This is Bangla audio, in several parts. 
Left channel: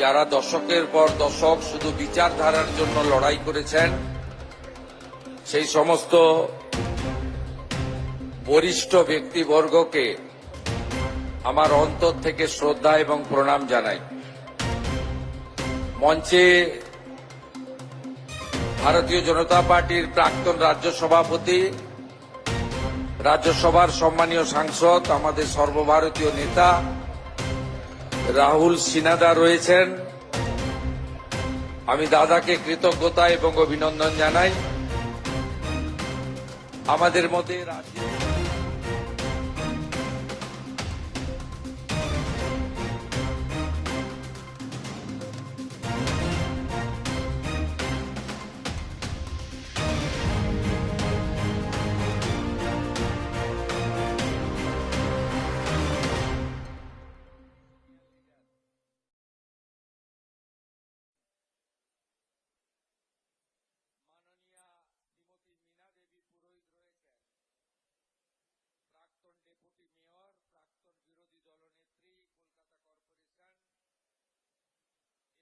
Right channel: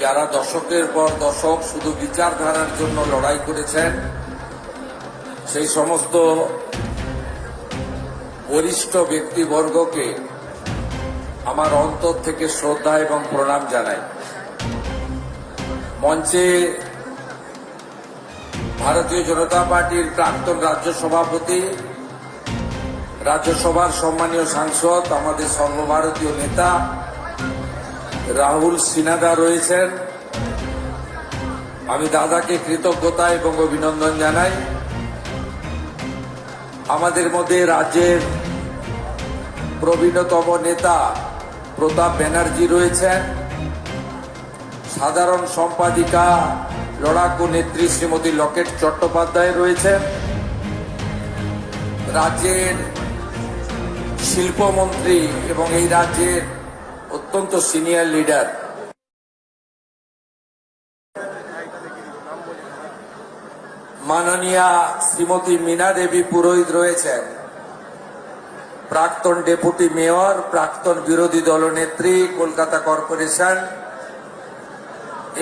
যারা দশকের পর দশক শুধু বিচারধারার জন্য লড়াই করেছেন, সেই সমস্ত বরিষ্ঠ ব্যক্তিবর্গকে আমার অন্তর থেকে শ্রদ্ধা এবং প্রণাম জানাই। মঞ্চে ভারতীয় জনতা পার্টির প্রাক্তন রাজ্য সভাপতি, রাজ্যসভার সম্মানীয় সাংসদ, আমাদের সর্বভারতীয় নেতা রাহুল সিনহা রয়েছেন। আমি দাদাকে কৃতজ্ঞতা এবং অভিনন্দন জানাই। আমাদের মধ্যে রাজ্যের প্রবীণতম নেতা প্রতাপ ব্যানার্জি রয়েছেন, সাধারণ সম্পাদিকা লড়াকু নেত্রী শ্রীমতী লকেট চট্টোপাধ্যায় রয়েছেন, রাজ্যের শিল্পমন্ত্রী এবং এই রাজ্যের অত্যন্ত সিনিয়র লিডার মাননীয়া শ্রীমতী মীনা দেবী পুরোহিত রয়েছেন, প্রাক্তন ডেপুটি মেয়র, প্রাক্তন বিরোধী দলনেত্রী কলকাতা কর্পোরেশন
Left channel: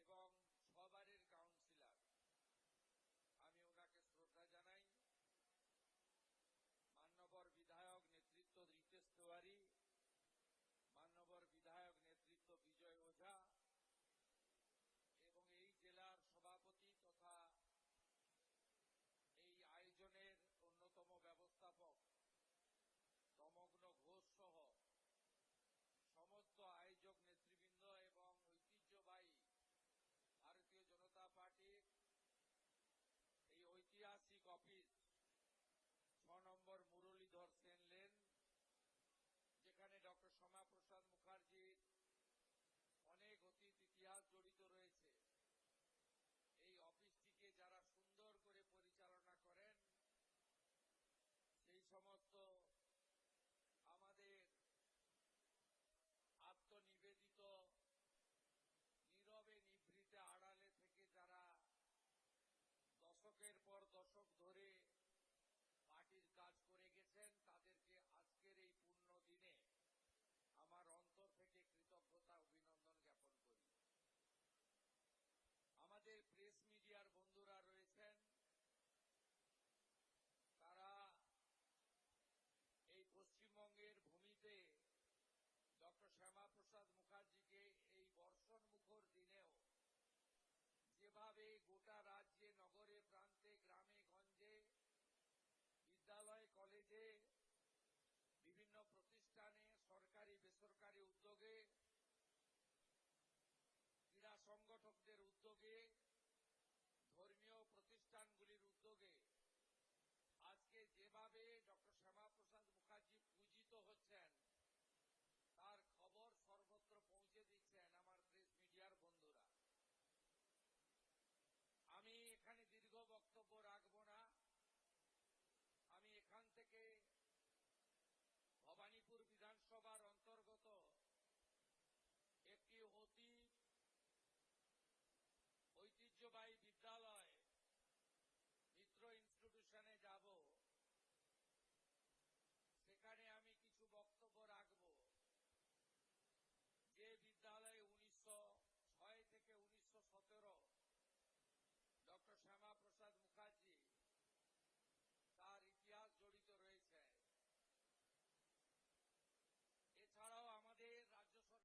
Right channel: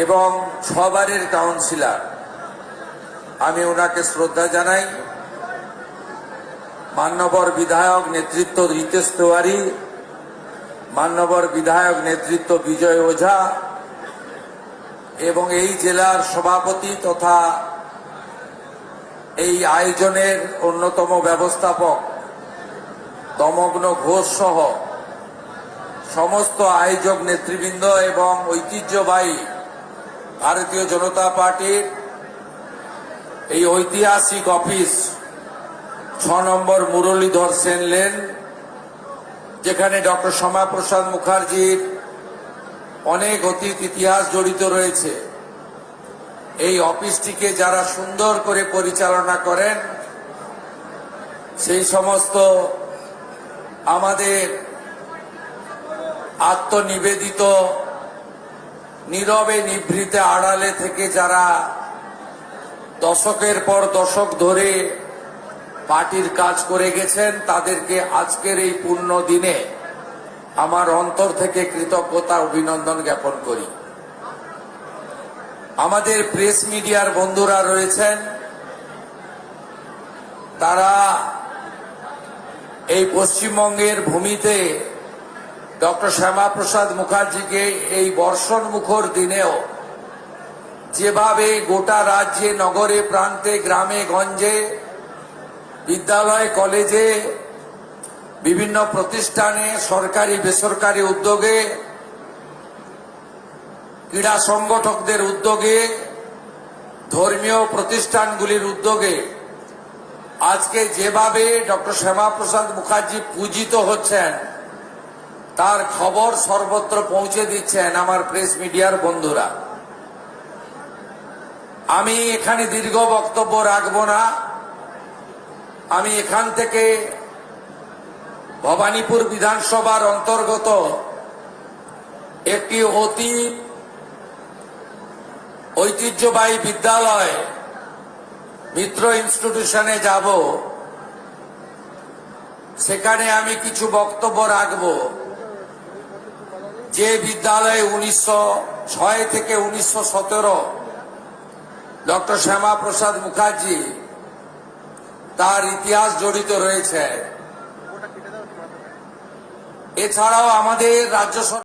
এবং 6 বারের কাউন্সিলর। আমি ওনাকে শ্রদ্ধা জানাই। মান্যবর বিধায়ক নেতৃত্ব রিতেশ তিওয়ারি, মান্যবর বিধায়ক নেতৃত্ব বিজয় ওঝা এবং এই জেলার সভাপতি তথা এই আয়োজনের অন্যতম ব্যবস্থাপক দমগ্ন ঘোষ সহ সমস্ত আয়োজক নেতৃবৃন্দ এবং ঐতিহ্যবাহী ভারতীয় জনতা পার্টির এই ঐতিহাসিক অফিস 6 নম্বর মুরলীধর সেন লেন, যেখানে ডক্টর শ্যামাপ্রসাদ মুখার্জির অনেক অতীত ইতিহাস জড়িত রয়েছে। এই অফিসটিকে যারা সুন্দর করে পরিচালনা করেন, সেই সমস্ত আমাদের আত্মনিবেদিত নীরবে নিভৃতে আড়ালে থেকে যারা দশকের পর দশক ধরে পার্টির কাজ করে গেছেন, তাদেরকে আজকের এই পূর্ণ দিনে আমার অন্তর থেকে কৃতজ্ঞতা অভিনন্দন জ্ঞাপন করি। আমাদের প্রেস মিডিয়ার বন্ধুরা রয়েছেন, তারা এই পশ্চিমবঙ্গের ভূমিতে ডক্টর শ্যামাপ্রসাদ মুখার্জিকে এই বর্ষণ মুখর দিনেও যেভাবে গোটা রাজ্যে, নগরে, প্রান্তে, গ্রামে গঞ্জে, বিদ্যালয়, কলেজে, বিভিন্ন প্রতিষ্ঠানে, সরকারি বেসরকারি উদ্যোগে, ক্রীড়া সংগঠকদের উদ্যোগে, ধর্মীয় প্রতিষ্ঠানগুলির উদ্যোগে আজকে যেভাবে ডক্টর শ্যামাপ্রসাদ মুখার্জি পূজিত হচ্ছেন, তার খবর সর্বত্র পৌঁছে দিচ্ছেন আমার প্রেস মিডিয়ার বন্ধুরা। আমি এখানে দীর্ঘ বক্তব্য রাখব না। আমি এখান থেকে ভবানীপুর বিধানসভার অন্তর্গত একটি অতি ঐতিহ্যবাহী বিদ্যালয় মিত্র ইনস্টিটিউশনে যাব। সেখানে আমি কিছু বক্তব্য রাখব। যে বিদ্যালয়ে 1906 থেকে 1917 ডক্টর শ্যামাপ্রসাদ মুখার্জি তার ইতিহাস জড়িত রয়েছে। এছাড়াও আমাদের রাজ্য